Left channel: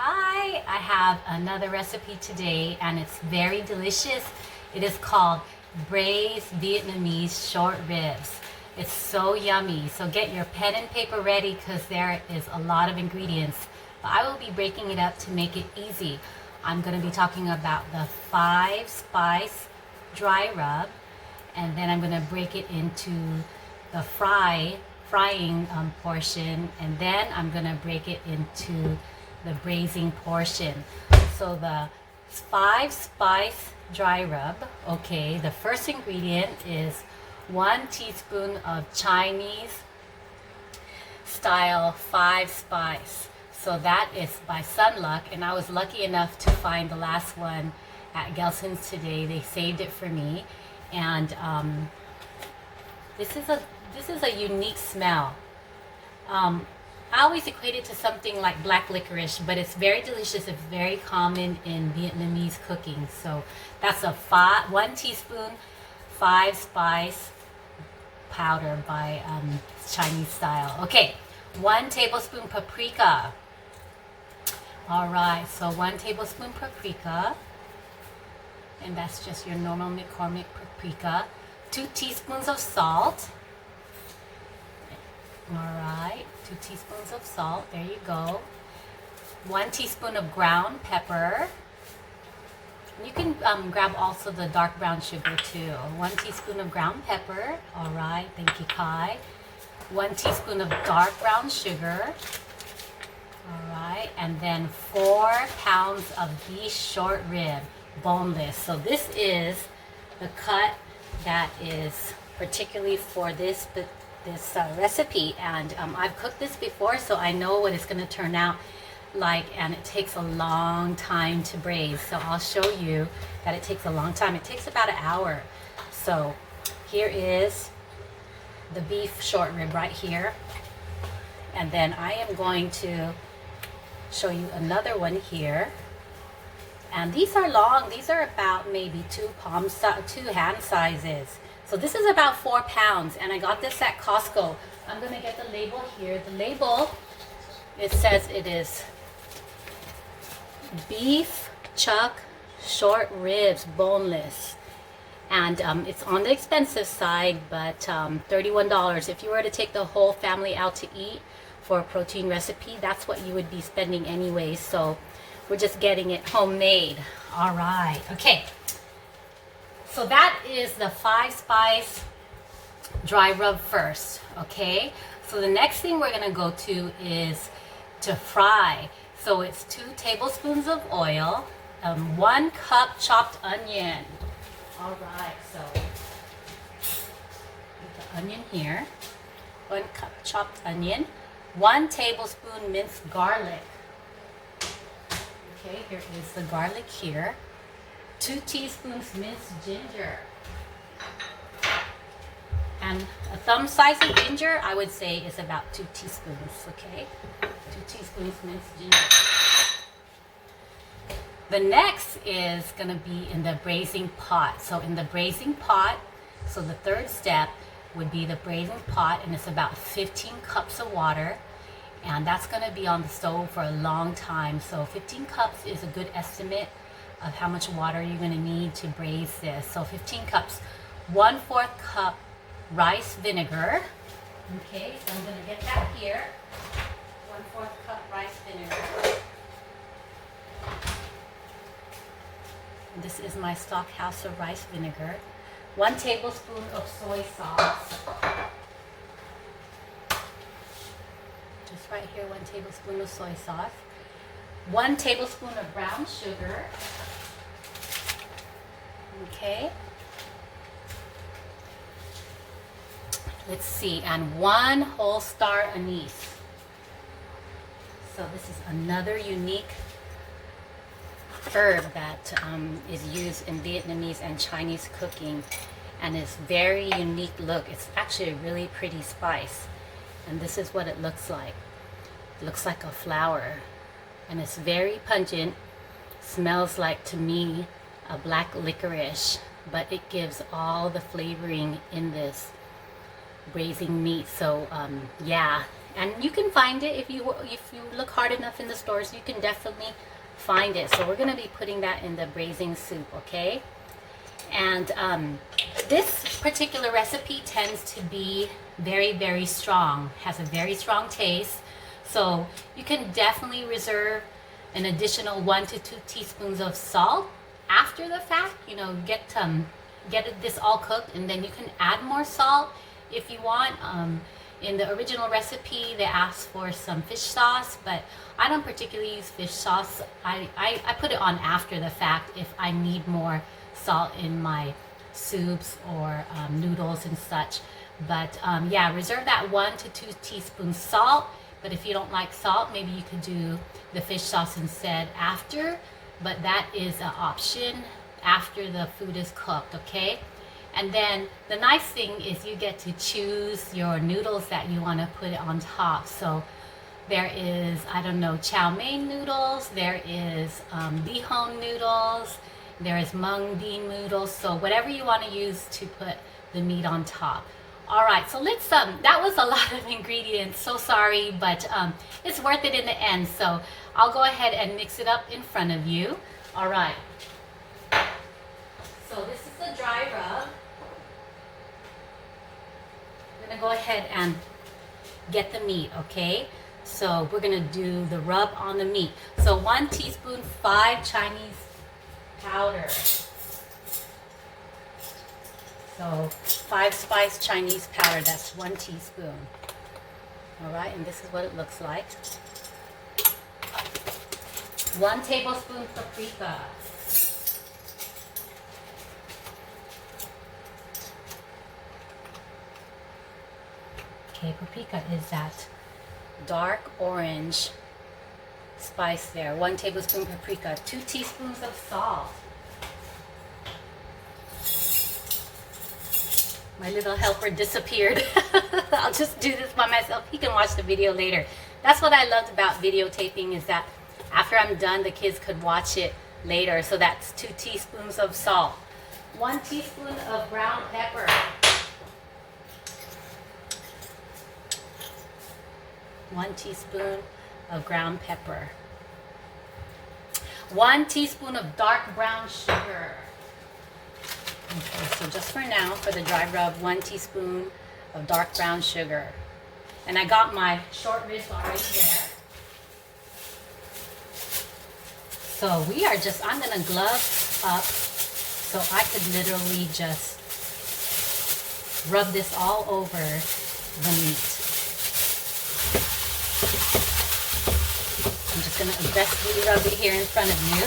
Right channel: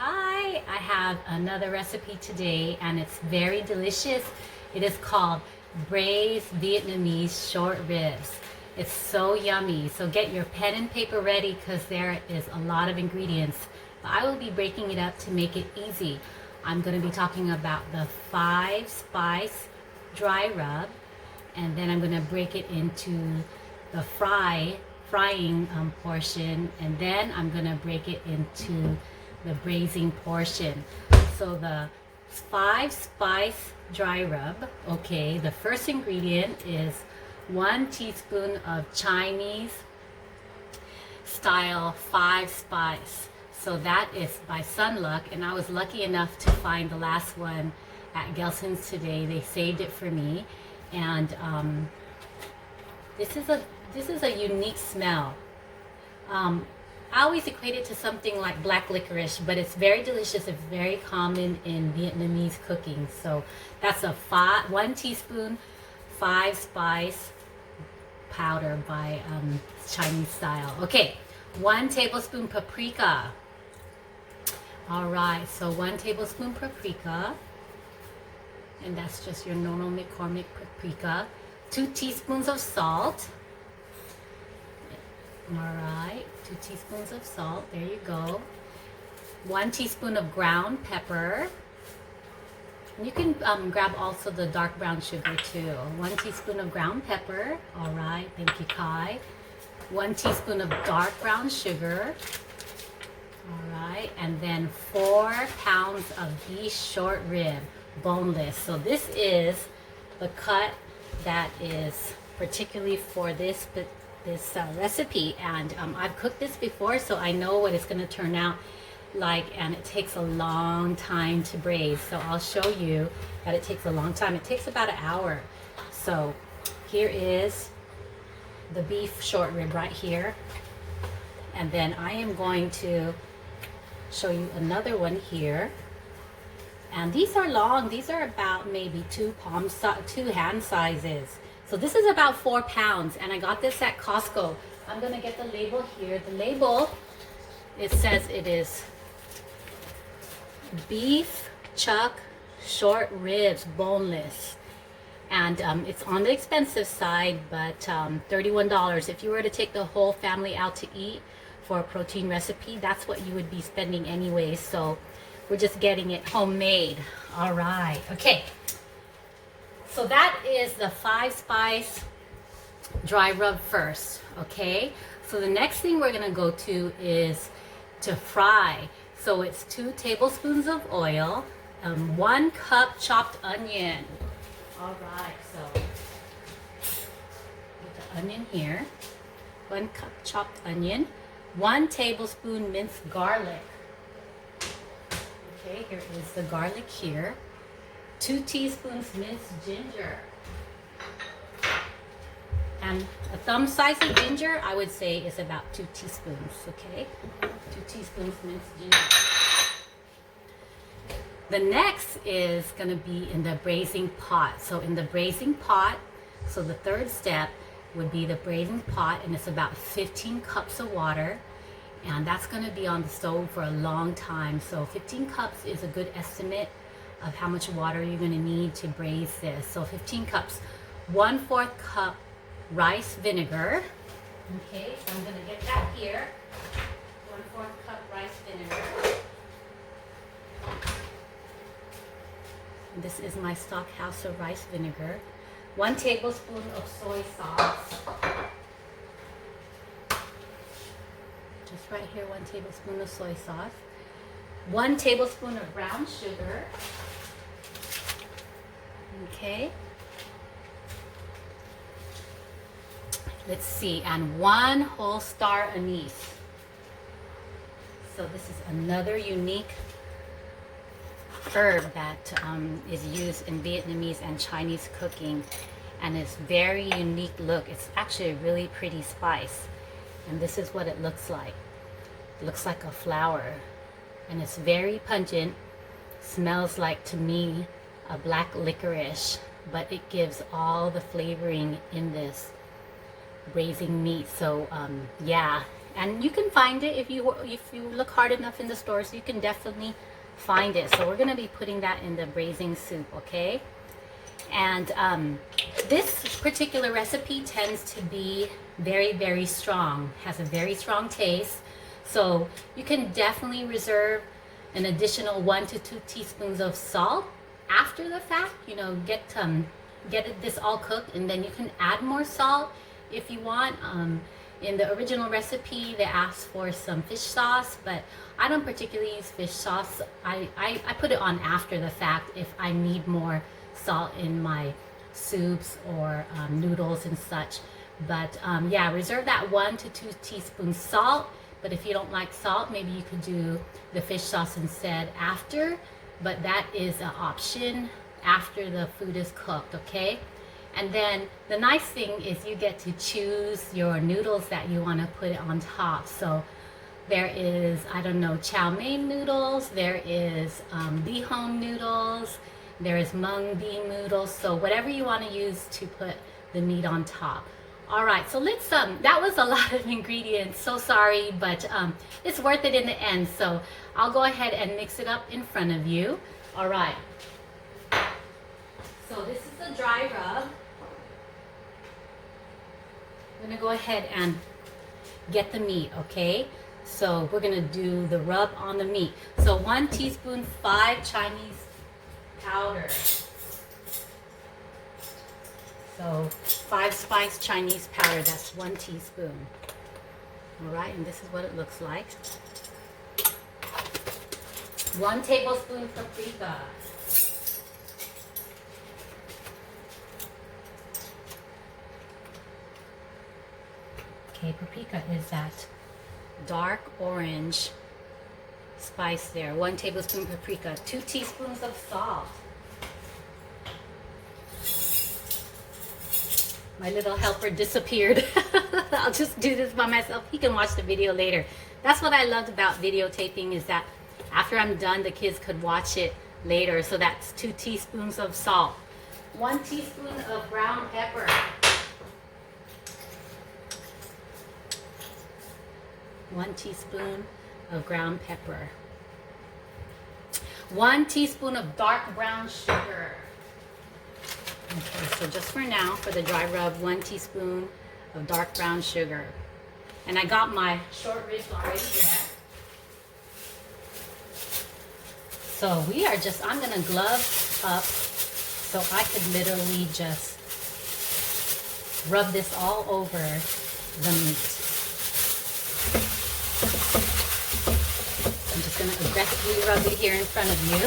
Hi, I have another recipe today and it's very delicious. It is called braised Vietnamese short ribs. It's so yummy. So get your pen and paper ready because there is a lot of ingredients. But I will be breaking it up to make it easy. I'm going to be talking about the 5-spice dry rub, and then I'm going to break it into the frying portion, and then I'm going to break it into the braising portion. So the 5-spice dry rub, okay, the first ingredient is 1 teaspoon of Chinese style 5-spice. So that is by Sunluck, and I was lucky enough to find the last one at Gelson's today. They saved it for me, and this is a unique smell. I always equate it to something like black licorice, but it's very delicious. It's very common in Vietnamese cooking. So that's a 1 teaspoon 5-spice powder by Chinese style. Okay, 1 tablespoon paprika. All right, so 1 tablespoon paprika, and that's just your normal McCormick paprika. 2 teaspoons of salt. All right, 2 teaspoons of salt, there you go. 1 teaspoon of ground pepper. You can grab also the dark brown sugar too. 1 teaspoon of ground pepper, all right, thank you, Kai. 1 teaspoon of dark brown sugar, all right, and then 4 pounds of beef short rib, boneless. So this is the cut that is particularly for this recipe, and I've cooked this before, so I know what it's going to turn out like, and it takes a long time to braise. So I'll show you that it takes a long time. It takes about an hour. So here is the beef short rib right here, and then I am going to show you another one here, and these are long. These are about maybe 2 hand sizes. So this is about 4 pounds, and I got this at Costco. I'm gonna get the label here. The label, it says it is beef chuck short ribs, boneless. And it's on the expensive side, but $31. If you were to take the whole family out to eat for a protein recipe, that's what you would be spending anyway. So we're just getting it homemade. All right, okay. So that is the 5-spice dry rub first, okay? So the next thing we're gonna go to is to fry. So it's 2 tablespoons of oil, 1 cup chopped onion. All right, so put the onion here, 1 cup chopped onion, 1 tablespoon minced garlic. Okay, here is the garlic here. 2 teaspoons minced ginger, and a thumb size of ginger, I would say, is about 2 teaspoons. Okay, 2 teaspoons minced ginger. The next is going to be in the braising pot. So in the braising pot, so the third step would be the braising pot, and it's about 15 cups of water, and that's going to be on the stove for a long time. So 15 cups is a good estimate of how much water you're going to need to braise this. So 15 cups, 1/4 cup rice vinegar. Okay, so I'm going to get that here. 1/4 cup rice vinegar. And this is my stock house of rice vinegar. 1 tablespoon of soy sauce. Just right here, 1 tablespoon of soy sauce. 1 tablespoon of brown sugar. Okay. Let's see, and 1 whole star anise. So this is another unique herb that is used in Vietnamese and Chinese cooking, and it's very unique look. It's actually a really pretty spice, and this is what it looks like. It looks like a flower, and it's very pungent. Smells like, to me, a black licorice, but it gives all the flavoring in this braising meat. So yeah, And you can find it if you look hard enough in the stores. You can definitely find it. So we're going to be putting that in the braising soup, okay? And this particular recipe tends to be very, very strong, has a very strong taste. So you can definitely reserve an additional 1 to 2 teaspoons of salt after the fact. You know, get this all cooked, and then you can add more salt if you want. In the original recipe, they asked for some fish sauce, but I don't particularly use fish sauce. I put it on after the fact if I need more salt in my soups or noodles and such. But yeah, reserve that 1 to 2 teaspoons salt. But if you don't like salt, maybe you could do the fish sauce instead after. But that is an option after the food is cooked, okay? And then the nice thing is you get to choose your noodles that you want to put on top. So there is, I don't know, chow mein noodles, there is bihon noodles, there is mung bean noodles. So whatever you want to use to put the meat on top. All right, so let's, that was a lot of ingredients. So sorry, but it's worth it in the end. So I'll go ahead and mix it up in front of you. All right. So this is the dry rub. I'm gonna go ahead and get the meat, okay? So we're gonna do the rub on the meat. So 1 teaspoon 5 Chinese powder. So 5 spice Chinese powder, that's 1 teaspoon. All right, and this is what it looks like. 1 tablespoon paprika. Okay, paprika is that dark orange spice there. 1 tablespoon paprika. 2 teaspoons of salt. My little helper disappeared. I'll just do this by myself. You can watch the video later. That's what I loved about videotaping, is that after I'm done, the kids could watch it later. So that's 2 teaspoons of salt. 1 teaspoon of ground pepper. 1 teaspoon of ground pepper. 1 teaspoon of dark brown sugar. Okay, so just for now, for the dry rub, 1 teaspoon of dark brown sugar. And I got my short ribs already there. So we are just, I'm gonna glove up so I could literally just rub this all over the meat. I'm just gonna aggressively rub it here in front of you.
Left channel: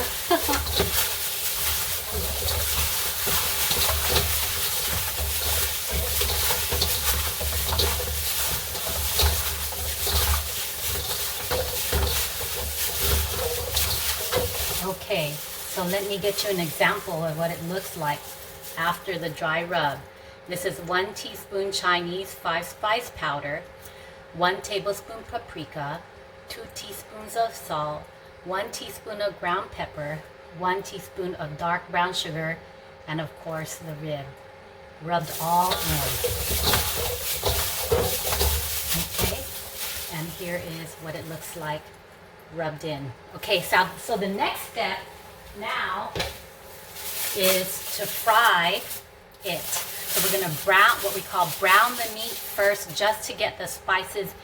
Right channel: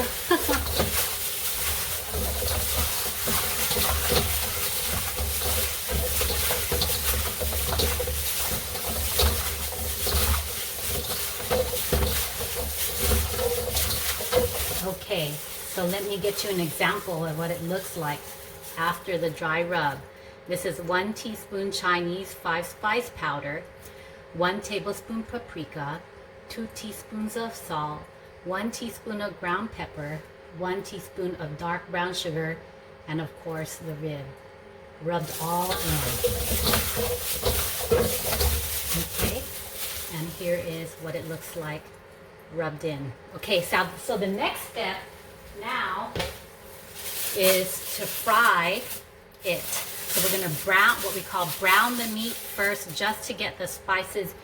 Okay, so let me get you an example of what it looks like after the dry rub. This is 1 teaspoon Chinese 5 spice powder, 1 tablespoon paprika, 2 teaspoons of salt, 1 teaspoon of ground pepper, 1 teaspoon of dark brown sugar, and of course the rib. Rubbed all in. Okay, and here is what it looks like rubbed in. Okay, so the next step now is to fry it. So we're gonna brown the meat first, just to get the spices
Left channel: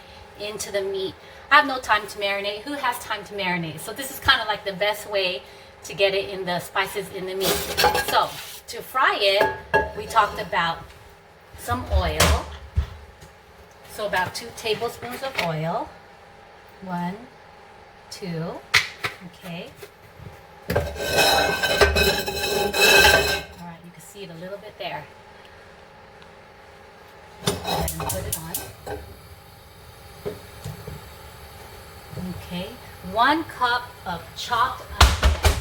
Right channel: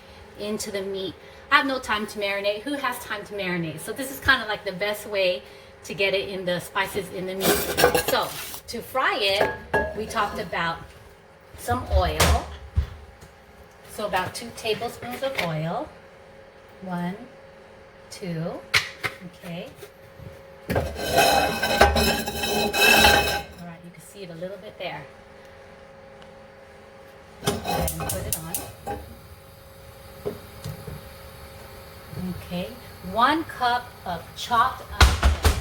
into the meat. I have no time to marinate. Who has time to marinate? So this is kind of like the best way to get it in, the spices in the meat. So to fry it, we talked about some oil. So about 2 tablespoons of oil. 1, 2, okay. All right, you can see it a little bit there. Go ahead and put it on. Okay, 1 cup of chopped onion.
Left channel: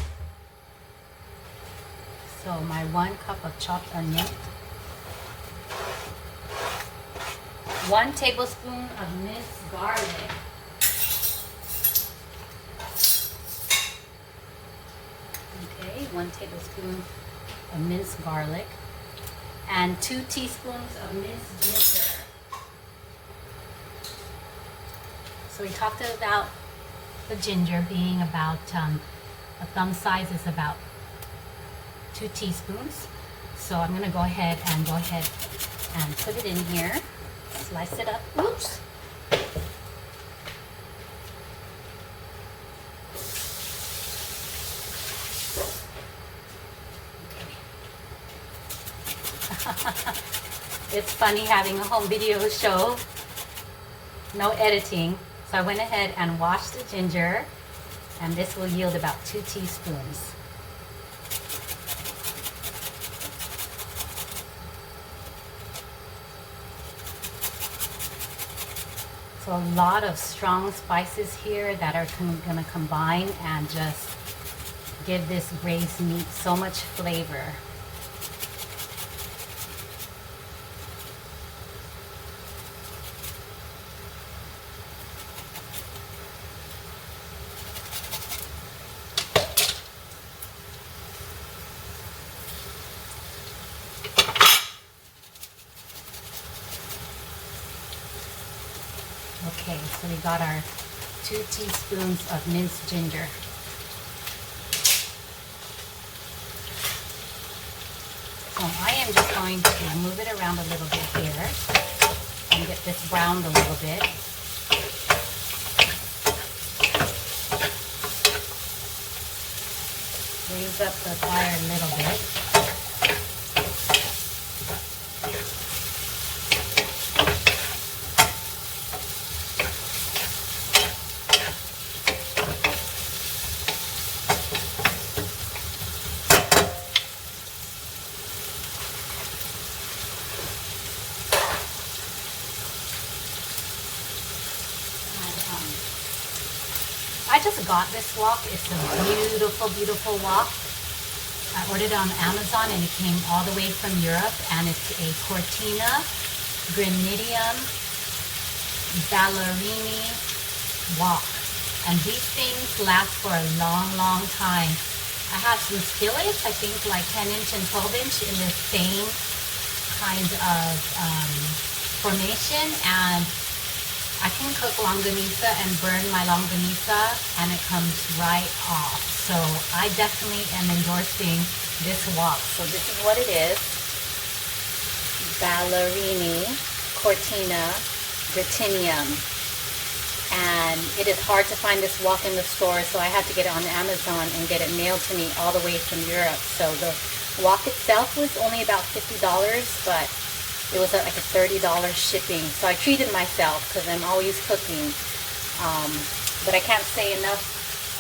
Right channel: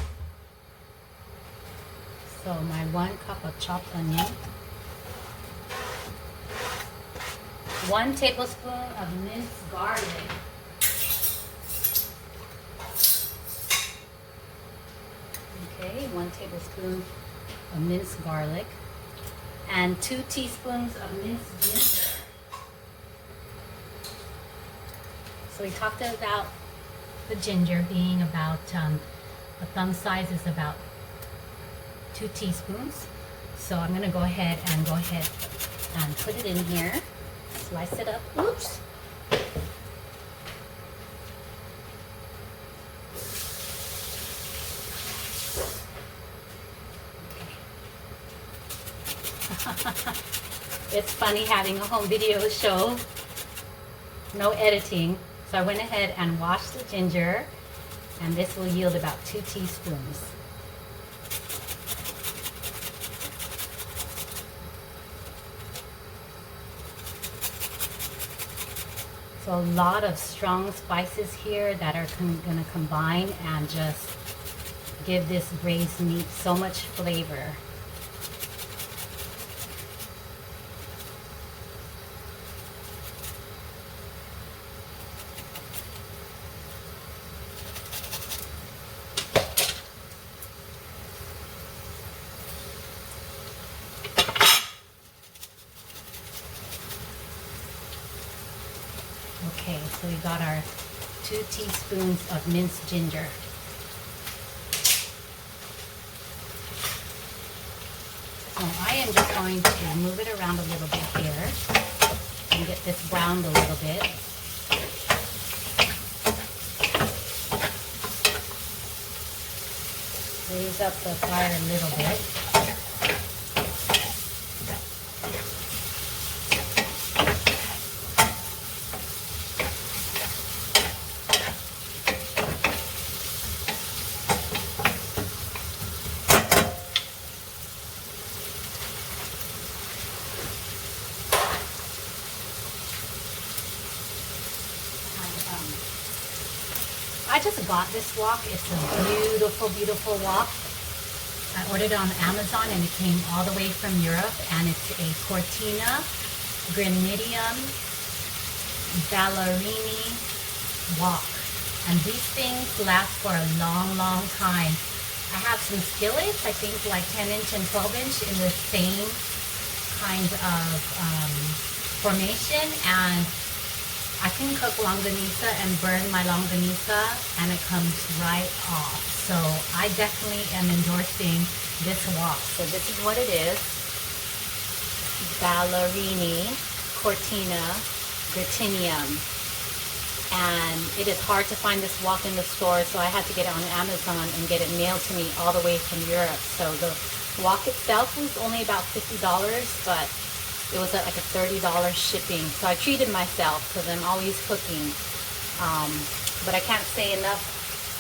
So my 1 cup of chopped onion. 1 tablespoon of minced garlic. Okay, 1 tablespoon of minced garlic. And 2 teaspoons of minced ginger. So we talked about the ginger being about, a thumb size is about 2 teaspoons. So I'm gonna go ahead and put it in here. Slice it up. Oops. It's funny having a home video show, no editing. So I went ahead and washed the ginger, and this will yield about 2 teaspoons. So a lot of strong spices here that are gonna combine and just give this braised meat so much flavor. Okay, so we got our 2 teaspoons of minced ginger. So I am just going to move it around a little bit here and get this browned a little bit. Raise up the fire a little bit. I just got this wok. It's a beautiful, beautiful wok. I ordered it on Amazon and it came all the way from Europe, and it's a Cortina Granitium Ballerini wok. And these things last for a long, long time. I have some skillets, I think like 10-inch and 12-inch in the same kind of formation, and I can cook longanisa and burn my longanisa and it comes right off. So I definitely am endorsing this wok. So this is what it is. Ballerini Cortina Gratinium. And it is hard to find this wok in the store, so I had to get it on Amazon and get it mailed to me all the way from Europe. So the wok itself was only about $50, but it was like a $30 shipping. So I treated myself because I'm always cooking. But I can't say enough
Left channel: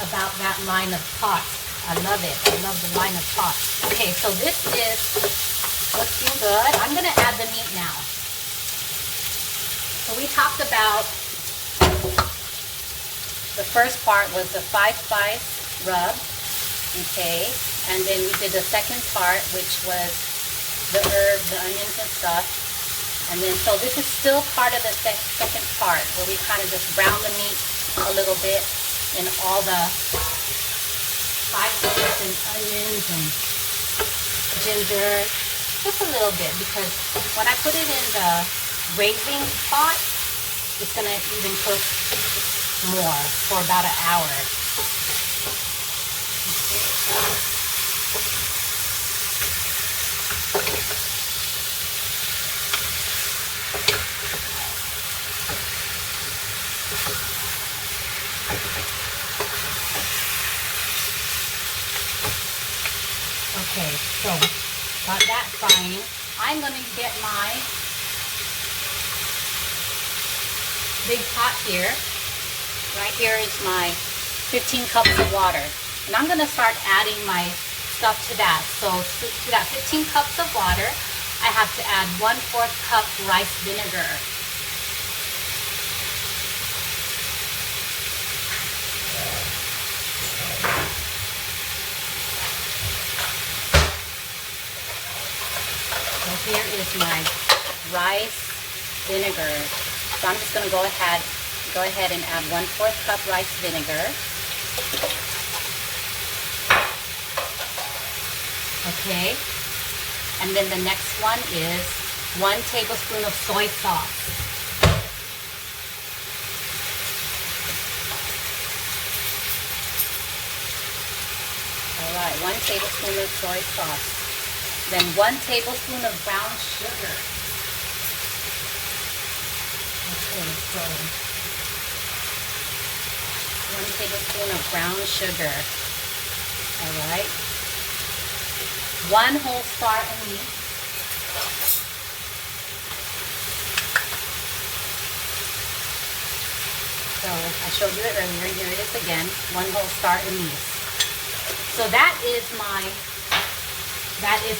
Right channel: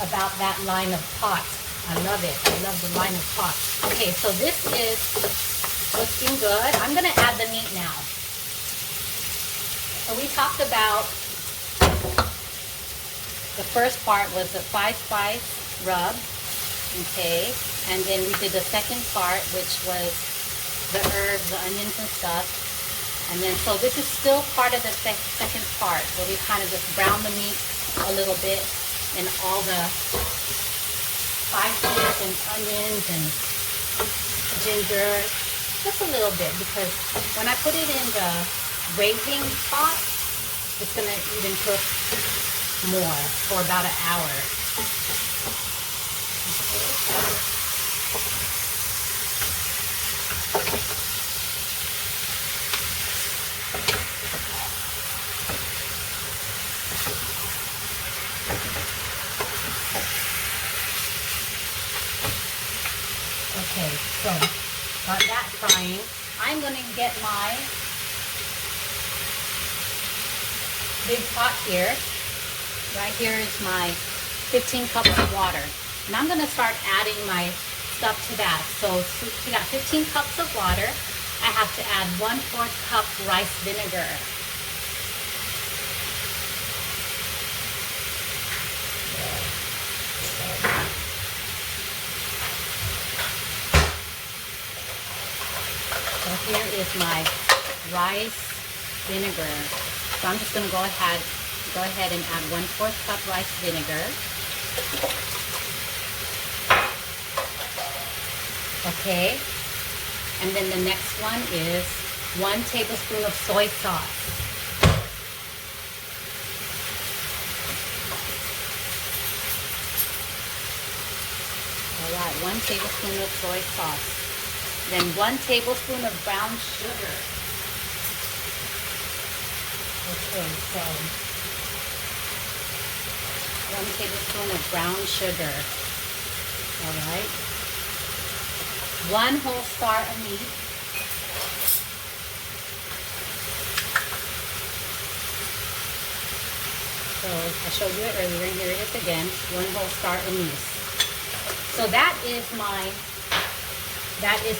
about that line of pots. I love it. I love the line of pots. Okay, so this is looking good. I'm gonna add the meat now. So we talked about the first part was the 5-spice rub, okay? And then we did the second part, which was the herbs, the onions and stuff. And then, so this is still part of the second part, where we kind of just brown the meat a little bit in all the spices and onions and ginger, just a little bit, because when I put it in the braising pot, it's gonna even cook more for about an hour. Okay, so got that frying. I'm going to get my big pot here. Right here is my 15 cups of water. And I'm going to start adding my stuff to that. So to that 15 cups of water, I have to add 1/4 cup rice vinegar. So here is my rice vinegar. So I'm just going to go ahead and add 1/4 cup rice vinegar. Okay. And then the next one is 1 tablespoon of soy sauce. All right, 1 tablespoon of soy sauce. Then 1 tablespoon of brown sugar. Okay, so 1 tablespoon of brown sugar. All right. 1 whole star anise. So I showed you it earlier. Here it is again. 1 whole star anise. So that is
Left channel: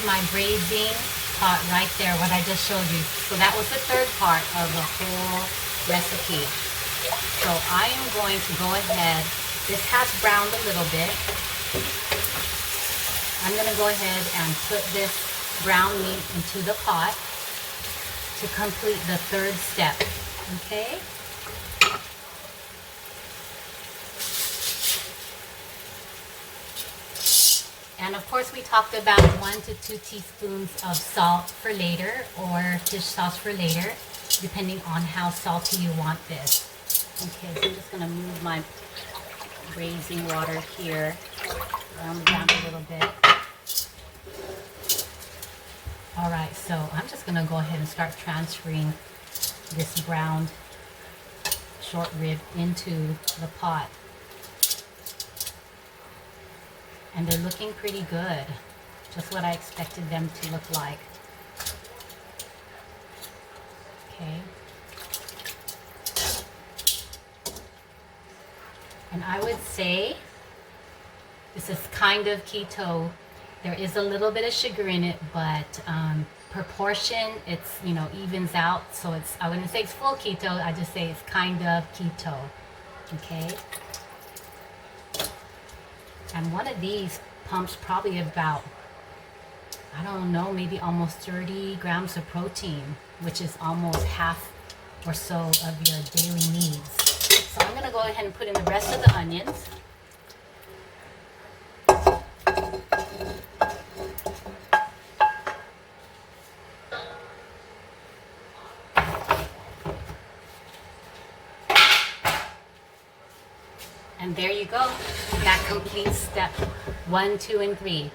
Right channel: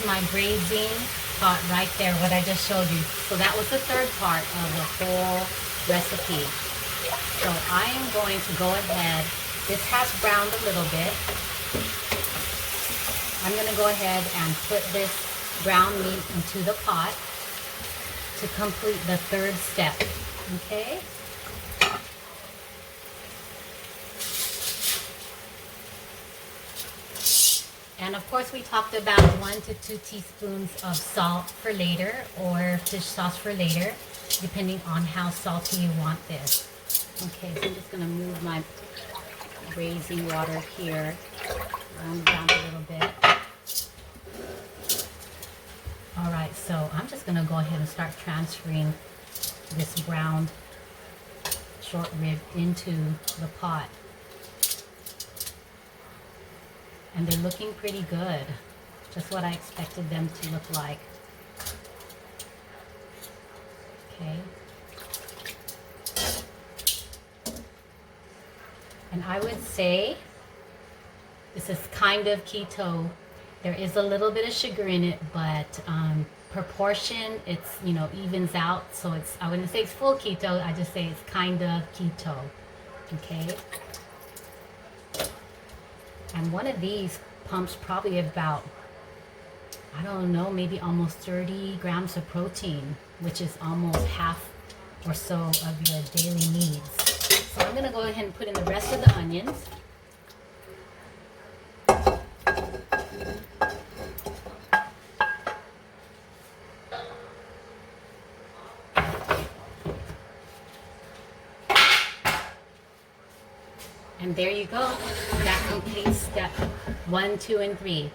my braising pot right there, what I just showed you. So that was the 3rd part of the whole recipe. So I am going to go ahead. This has browned a little bit. I'm going to go ahead and put this brown meat into the pot to complete the 3rd step. Okay? And of course we talked about 1 to 2 teaspoons of salt for later, or fish sauce for later, depending on how salty you want this. Okay, so I'm just going to move my braising water here, round down a little bit. All right, so I'm just going to go ahead and start transferring this browned short rib into the pot. And they're looking pretty good. Just what I expected them to look like. Okay. And I would say this is kind of keto. There is a little bit of sugar in it, but proportion, it's, you know, evens out. So it's, I wouldn't say it's full keto. I just say it's kind of keto. Okay. And one of these pumps probably about, I don't know, maybe almost 30 grams of protein, which is almost half or so of your daily needs. So I'm going to go ahead and put in the rest of the onions. And there you go. That completes step 1, 2, and 3.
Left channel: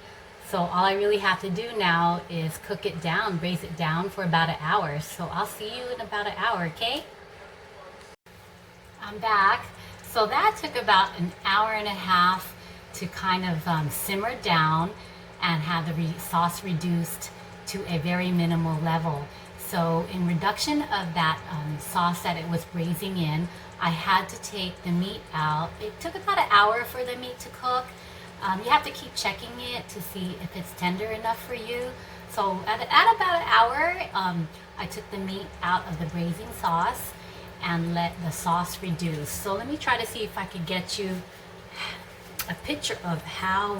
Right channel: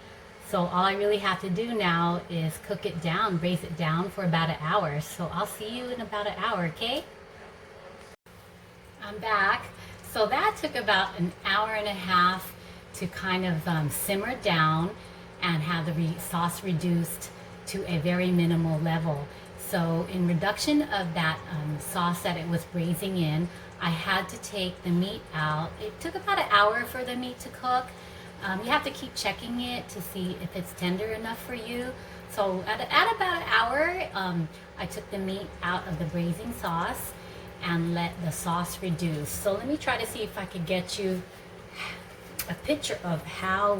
So all I really have to do now is cook it down, braise it down for about an hour. So I'll see you in about an hour, okay? I'm back. So that took about an hour and a half to kind of simmer down and have the sauce reduced to a very minimal level. So in reduction of that sauce that it was braising in, I had to take the meat out. It took about an hour for the meat to cook. You have to keep checking it to see if it's tender enough for you. So at about an hour, I took the meat out of the braising sauce and let the sauce reduce. So let me try to see if I could get you a picture of how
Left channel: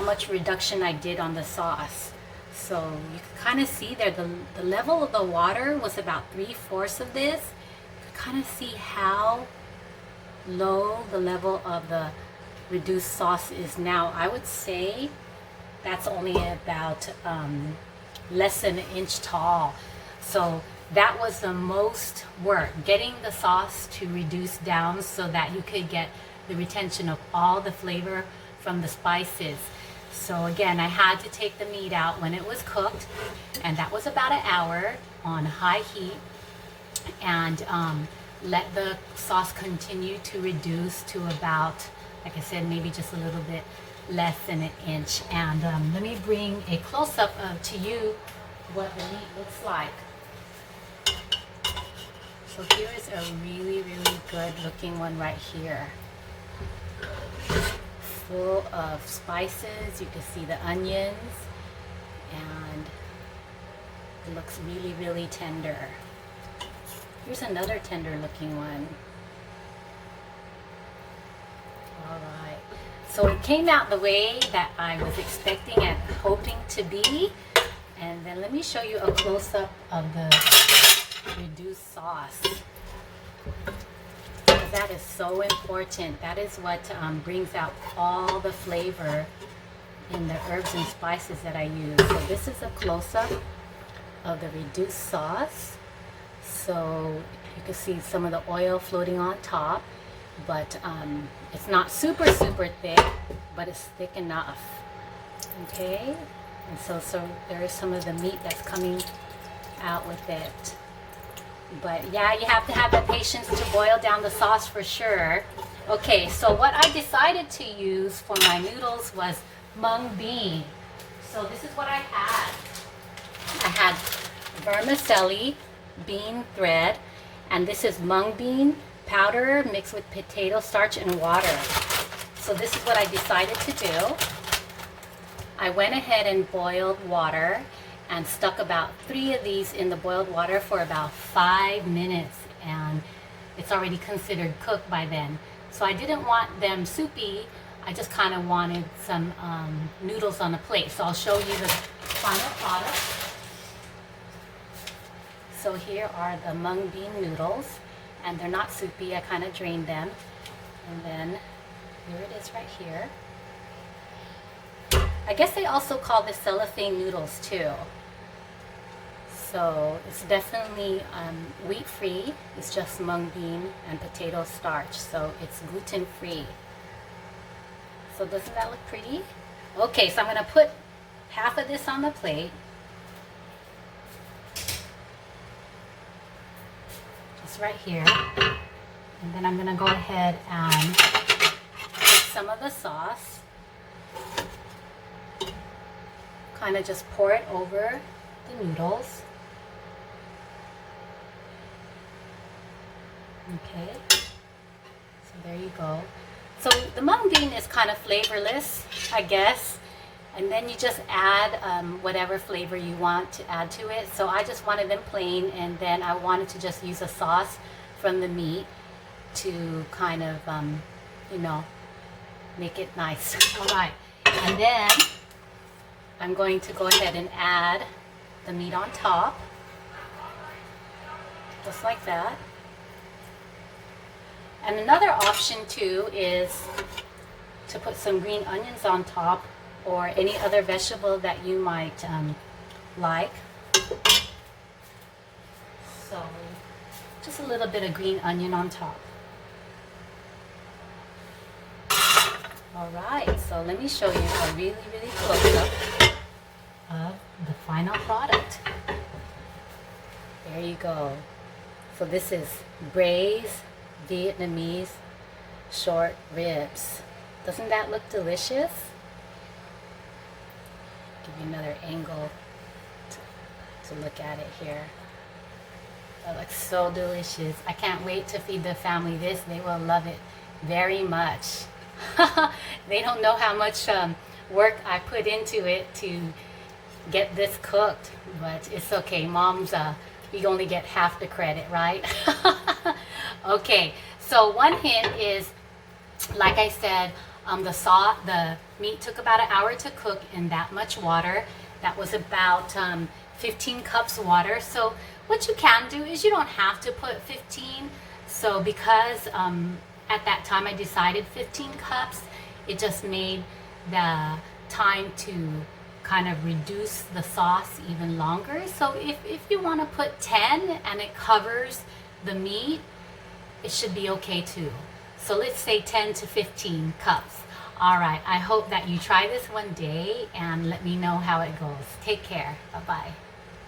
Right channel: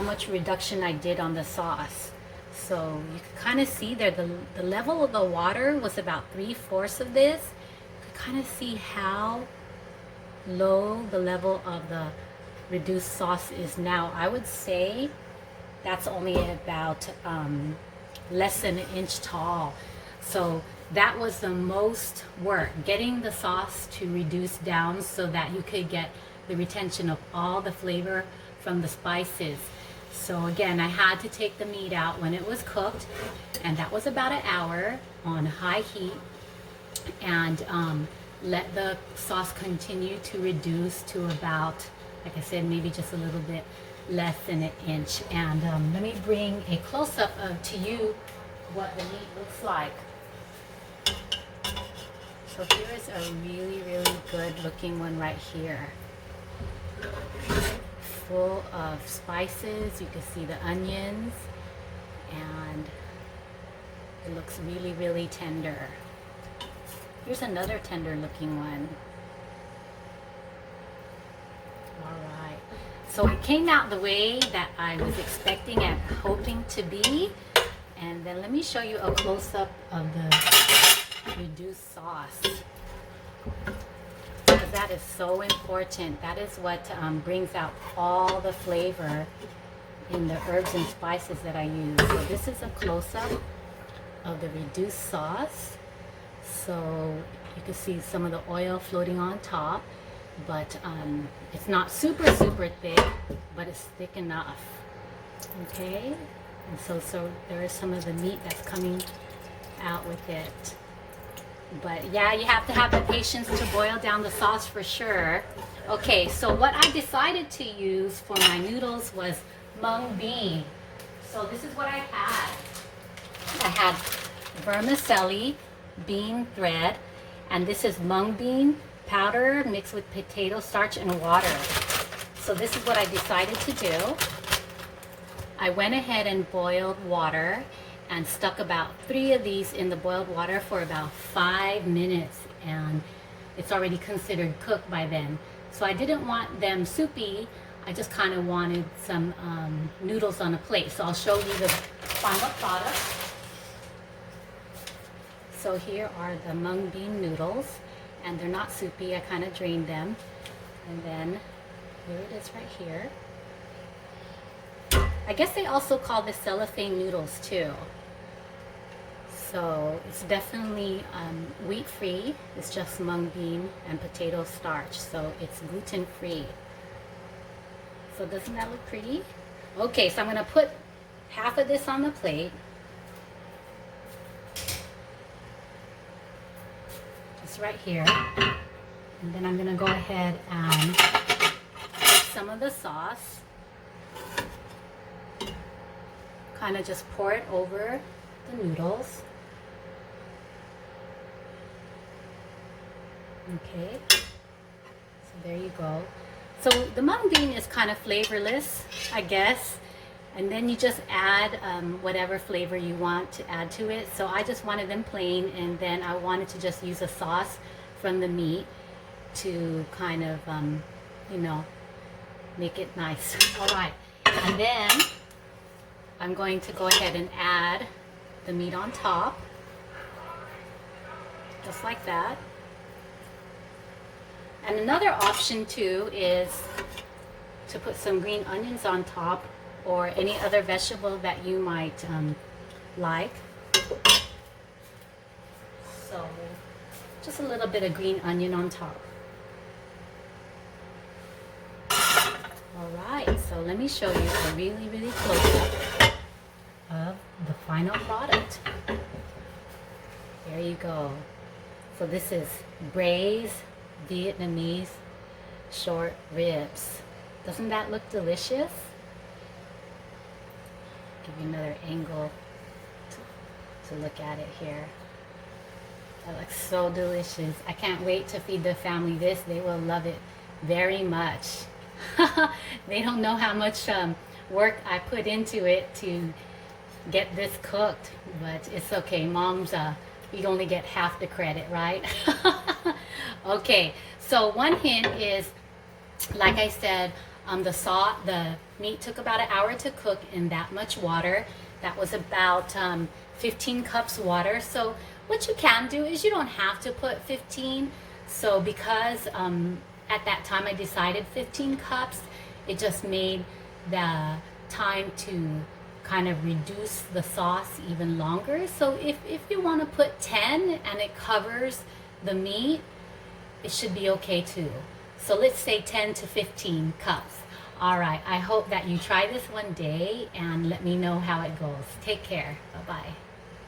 much reduction I did on the sauce. So you can kind of see there, the level of the water was about 3/4 of this. Kind of see how low the level of the reduced sauce is now. I would say that's only about less than an inch tall. So that was the most work, getting the sauce to reduce down so that you could get the retention of all the flavor from the spices. So again, I had to take the meat out when it was cooked, and that was about an hour on high heat. And let the sauce continue to reduce to about, like I said, maybe just a little bit less than an inch. And let me bring a close-up to you what the meat looks like. So here is a really, really good looking one right here. Full of spices. You can see the onions, and it looks really, really tender. Here's another tender looking one. All right. So it came out the way that I was expecting and hoping to be. And then let me show you a close-up of the reduced sauce. That is so important. That is what brings out all the flavor in the herbs and spices that I use. So this is a close-up of the reduced sauce. So you can see some of the oil floating on top. but it's not super thick, but it's thick enough. Okay, and so there is some of the meat that's coming out with it. But yeah, you have to have the patience to boil down the sauce for sure. Okay, so what I decided to use for my noodles was mung bean. So this is what I had. I had vermicelli bean thread, and this is mung bean powder mixed with potato starch and water. So this is what I decided to do. I went ahead and boiled water and stuck about 3 of these in the boiled water for about 5 minutes, and it's already considered cooked by then. So I didn't want them soupy, I just kind of wanted some noodles on a plate. So I'll show you the final product. So here are the mung bean noodles, and they're not soupy, I kind of drained them. And then here it is right here. I guess they also call this cellophane noodles too. So it's definitely wheat-free. It's just mung bean and potato starch, so it's gluten-free. So doesn't that look pretty? Okay, so I'm gonna put half of this on the plate. Just right here. And then I'm gonna go ahead and put some of the sauce. Kind of just pour it over the noodles. Okay, so there you go. So the mung bean is kind of flavorless, I guess, and then you just add whatever flavor you want to add to it. So I just wanted them plain, and then I wanted to just use a sauce from the meat to kind of, you know, make it nice. All right, and then I'm going to go ahead and add the meat on top, just like that. And another option too is to put some green onions on top, or any other vegetable that you might like. So just a little bit of green onion on top. All right, so let me show you a really close up of the final product. There you go. So this is braised Vietnamese short ribs. Doesn't that look delicious? Give you another angle to look at it here. That looks so delicious. I can't wait to feed the family this. They will love it very much. They don't know how much work I put into it to get this cooked, but it's okay. Moms, we only get half the credit, right? Okay, so one hint is, like I said, the meat took about 1 hour to cook in that much water. That was about 15 cups water. So what you can do is you don't have to put 15. So because at that time I decided 15 cups, it just made the time to kind of reduce the sauce even longer. So if you want to put 10 and it covers the meat, it should be okay too. So let's say 10 to 15 cups. All right, I hope that you try this one day and let me know how it goes. Take care. Bye-bye.